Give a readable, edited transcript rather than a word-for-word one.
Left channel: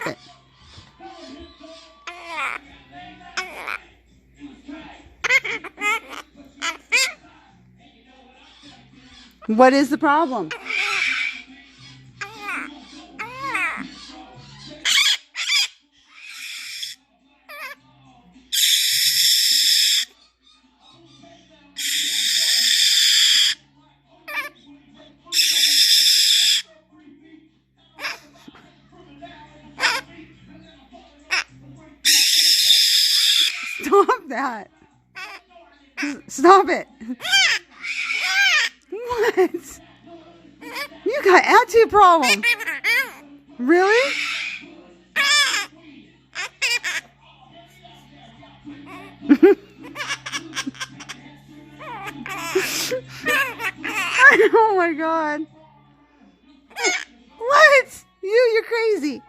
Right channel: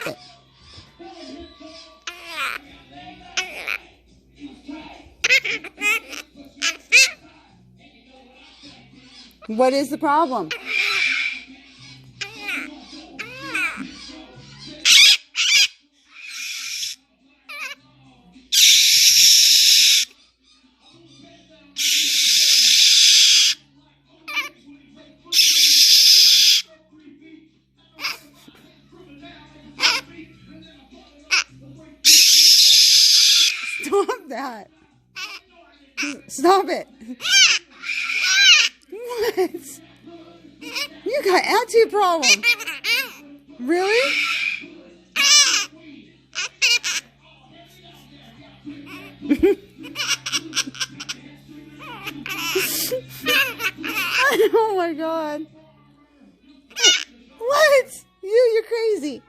Stop it. What is the problem? Stop that. Stop it. What? You got attitude problem. Really? Oh my God. What? You're crazy.